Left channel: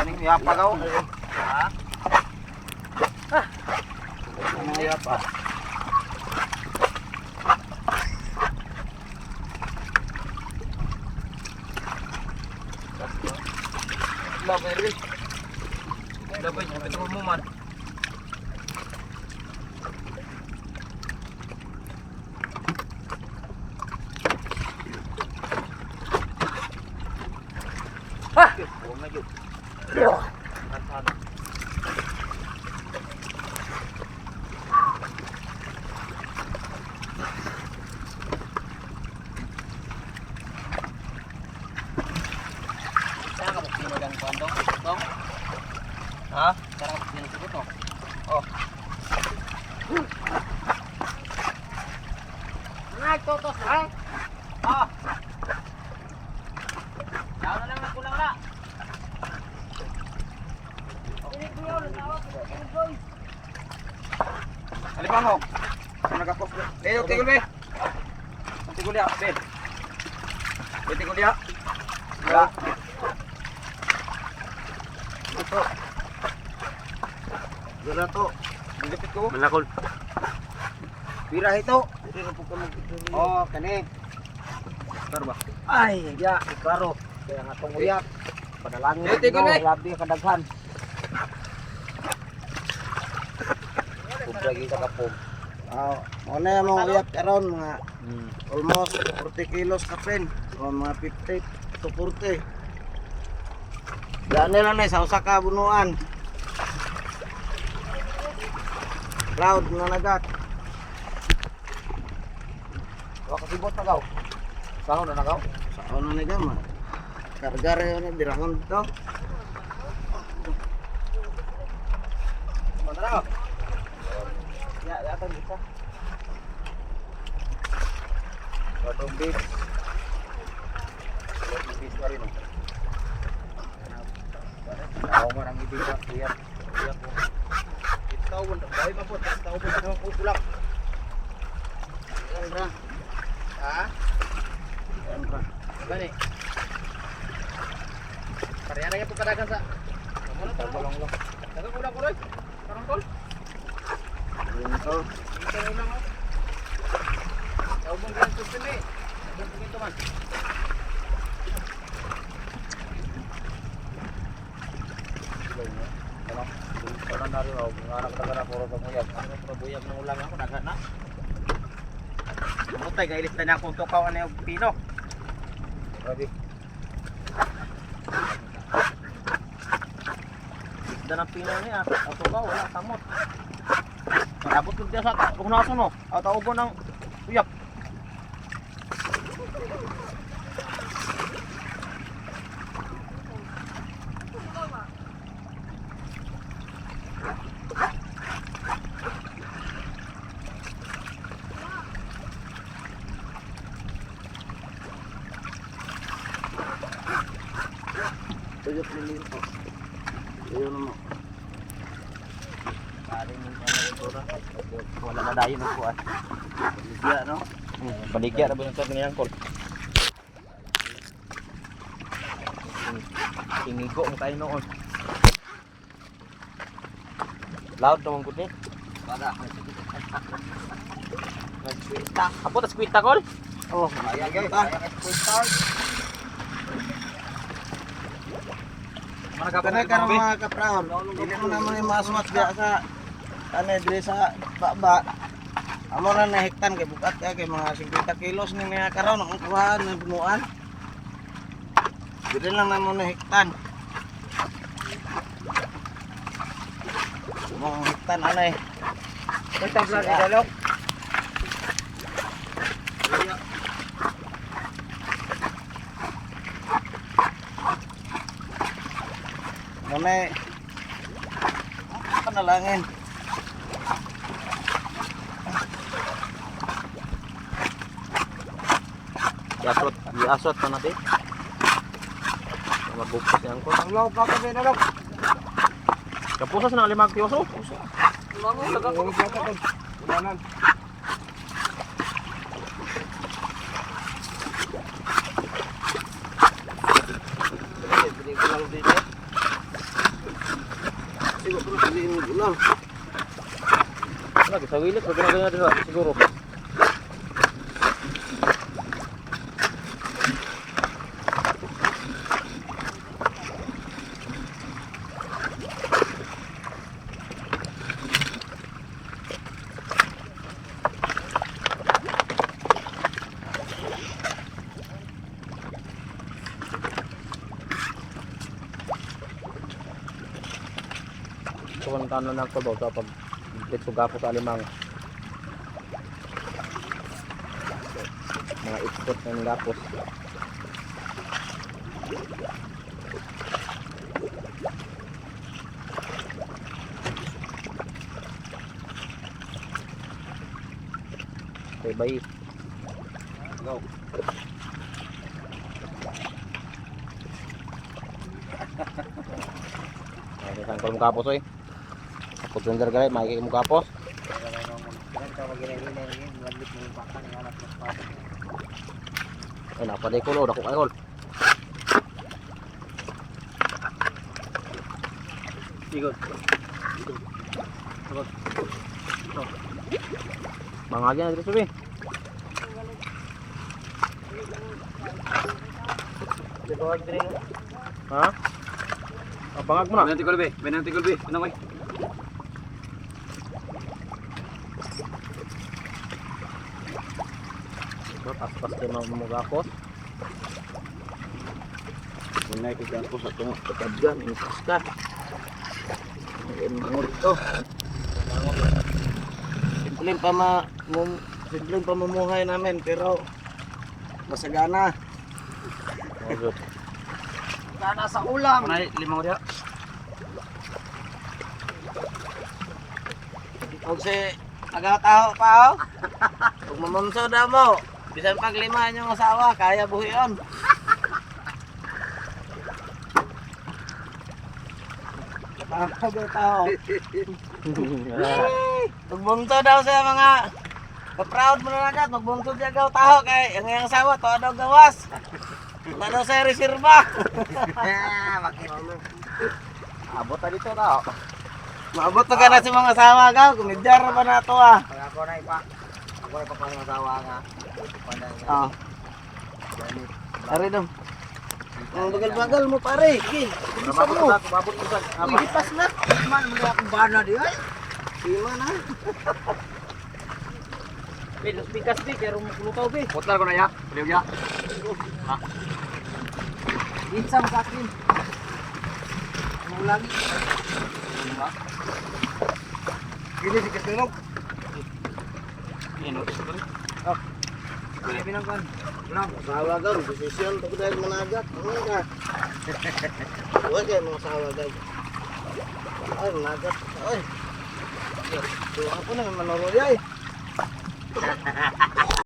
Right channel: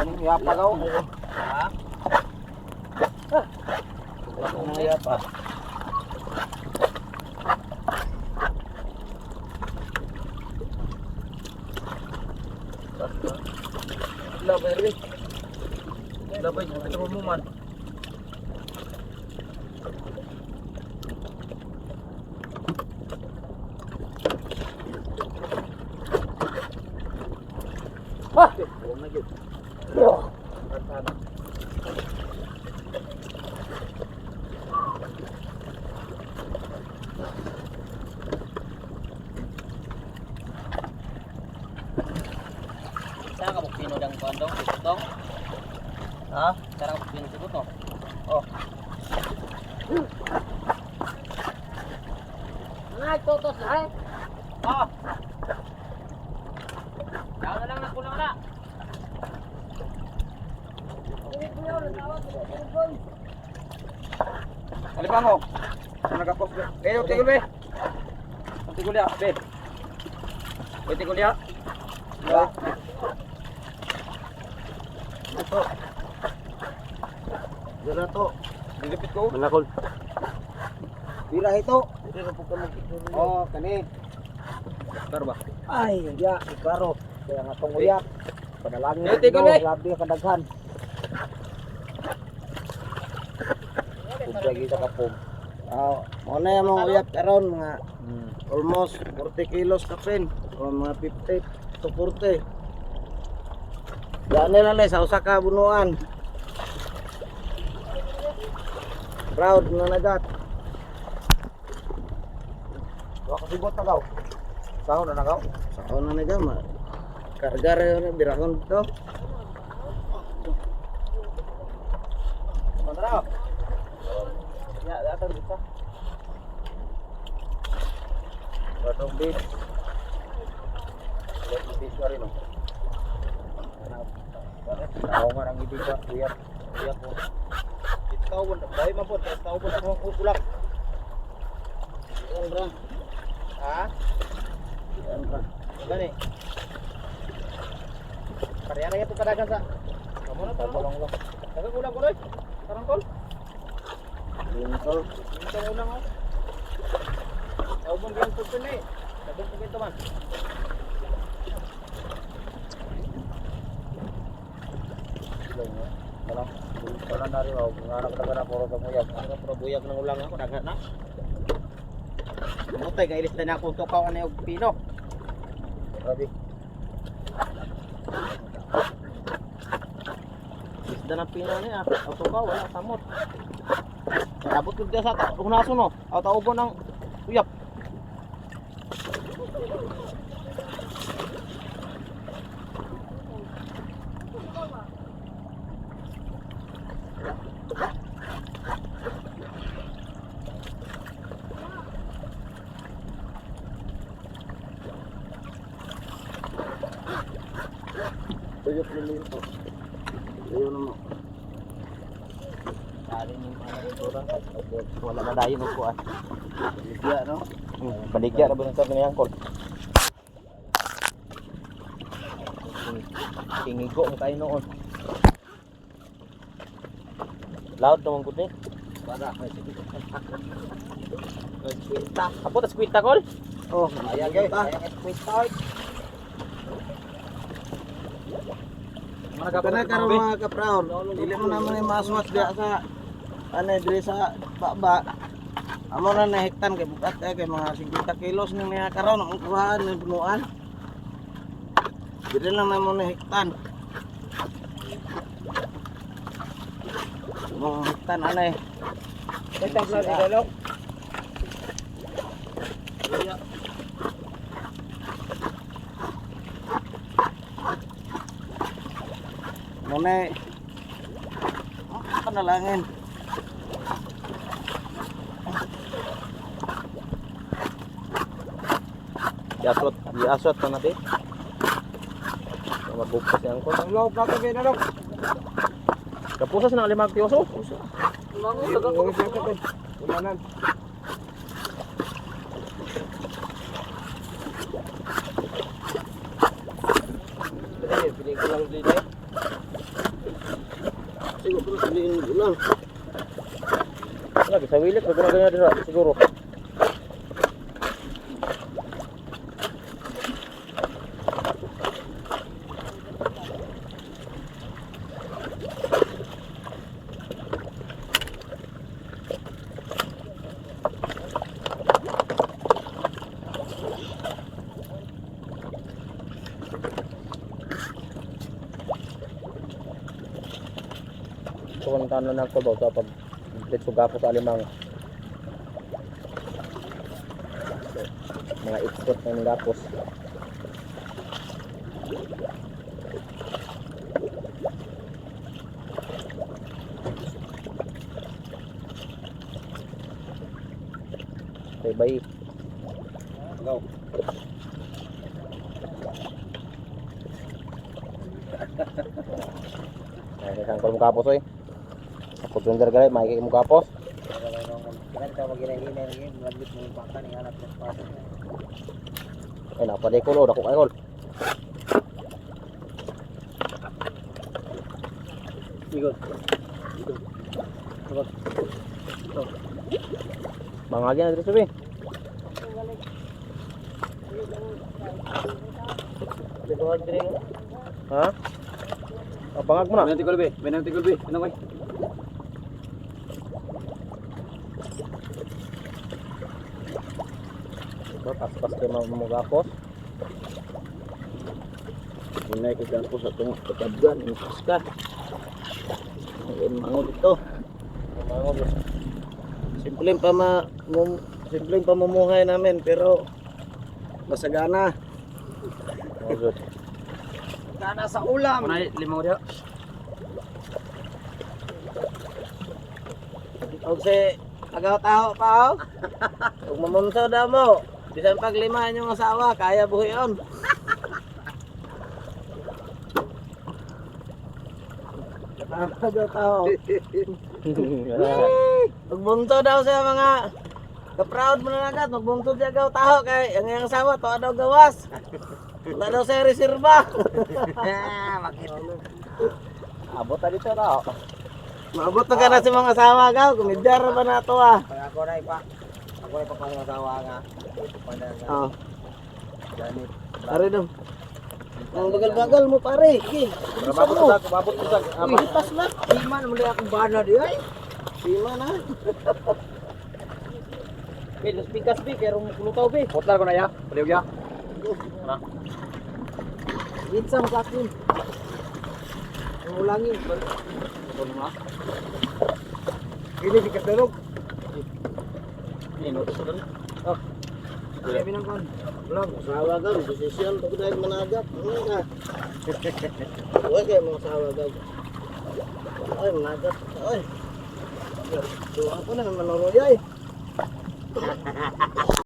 Kaning yapa daw. Ha? Kaning yapa. Labay rin. Labay, ito mo man. Huwag na yun. Saan ka magpino ng kondong? Itong? Ha? Saan ka magpino sa buto? Oh. Mga totos na eh. Ah. Yaw na lang na kulang na. Alipang mo. Nagapos. Leo, tigol be. Tigol ya, be. Tigol ya. Ya. Ito. Gula to. Dilipit ko. Malakol. Bira ito. Oh, kani. Tar ba? Ay, ya, ikaro. Kaya nga tong uyak. Panalangin. Tigol be. Labi kadaghan. Lagi sa kapog. Ano yung mga uyak karon mga almost 40 kilos kapin o mga 50 to 40. Yan na lang sa usa ka bunuan. Crowd na nagat. Wa ko sibot na daw. Sao na nagaw? Sao na nagama. Kargar na birahon to. Mandara. Ya, datang bisa. Potong bis. Potong bis na rin. Tahu orang itu lihat lihat pun. Tahu pun, baik mampun. Tahu pun sama ulang. Bra. Ah? Bra. Gani. Karya-karya po kadagan sa. Kamu na tolong lo. Dagang ulang ko rin. Karang tol. Ito. Ito na ulang ako. Ayaw mong ganyan susun eh. Sabi ko ito man. Kalau dari mau ngarap ka puro pamuyag. Ano pero buyag ng ulang ako daghan na. Mutay kay ilis na ako tukaw ani og pino. Ready. Isda ng pino niya, ang tukaw wala kamot. Abot ko dia sa unaso no. Aw taubo ng uyap. Tuyok nilin po. Ayun mo. Kaling yung tura. Wala na dayon mo po ah. Baligya no? Baligya na ba yung sa ngayang kol? Tingigo mo tayo noon. Loud naman ko din. Para. Nag-squita. Apo ta squita kol? Oh, ayan guys. Squita. Kana karon mga kapraon, dili mo naman yung masuwas diya sa ano dire sa baba. Amo na nahektan kay bukat kay mga 50 kilos ni mga karon ang kuhaan ng bunuan. Dili lang naman nahektan. Mong hektan anay. Ito vlog idalok. Muna panalangin. Diasot pa natin. Mabukos yan ko. Ang lawak pa kami na lang. Kapusas na 5 kiyoso. Ulangan, lagak. Ulangan. Bili ko lang dito. Di ba pala sabihin mo ulang. Lagi sa wilit, wag na ganyan dito siguro. Kung ano na ko daw kapag dito gapo sa alimang mga expert ng gapos. Okay, bye. Go. Ay, saan ko mong kapos oy? Ako sundar gay, makikita mong kapos. Ay, napaday ko lo, dako kayo. Ikot. Ikot. Ito. Mangagyan na dito sabi. Ha? Abangag mo na. Benanti Kulbi, Benanti Kulbi. Ano koy? Ito, paspas kayo mamugakos. Hinay ko dyan po sa itong katadyan. Ipas ka. Ngayon mango dito. Simpleng pamumuhay namin pero masagana. Good. Masagana sa ulam. Kunay limang dia. Huwag si agaw-taho pa o. Huwag mamunso na mo. Bisan pag limahan yung asawa, kaya buhi yun. Agaw-taho. Magbunto daw sa mga ka-proud mo na agad. Magbunto siya agaw-taho kay ang asawa to daw gawas. Wala daw sa reserva. Abot na dito tao. Maabot na ka na sa mga asawa gaw. Kumidyar pa na ito ah. Ako na ipa. Ako na ipapangasawa nga. Oo. Pare dong. Ang bagal-bagal mo pare. Sige, bilisan mo. Kumabot ko dyan. Uy, hitas na. Lima naman din akong bana di ay. Lima na. Be, los pikas be, pero lutaw be. Potlar ko na ya. Pwede ya. Itsam sa akin. Ang ulangin. Ini si Katerog. Ini notis ko rin. Wala binangkan. Wala. Sawa gaw. Desisyon. Pag dahil managat. Ano ka? Huwag kayo mga sawa gaw. Ay, managat. Ay. Tuwa ko na. Manoro di ay.